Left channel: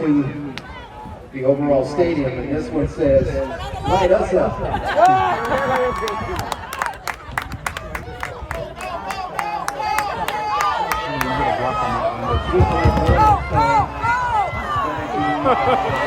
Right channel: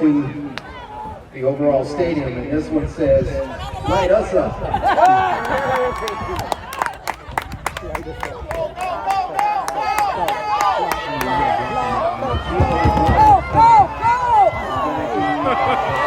to the overall stadium, and this one says, light us up. Ha ha ha!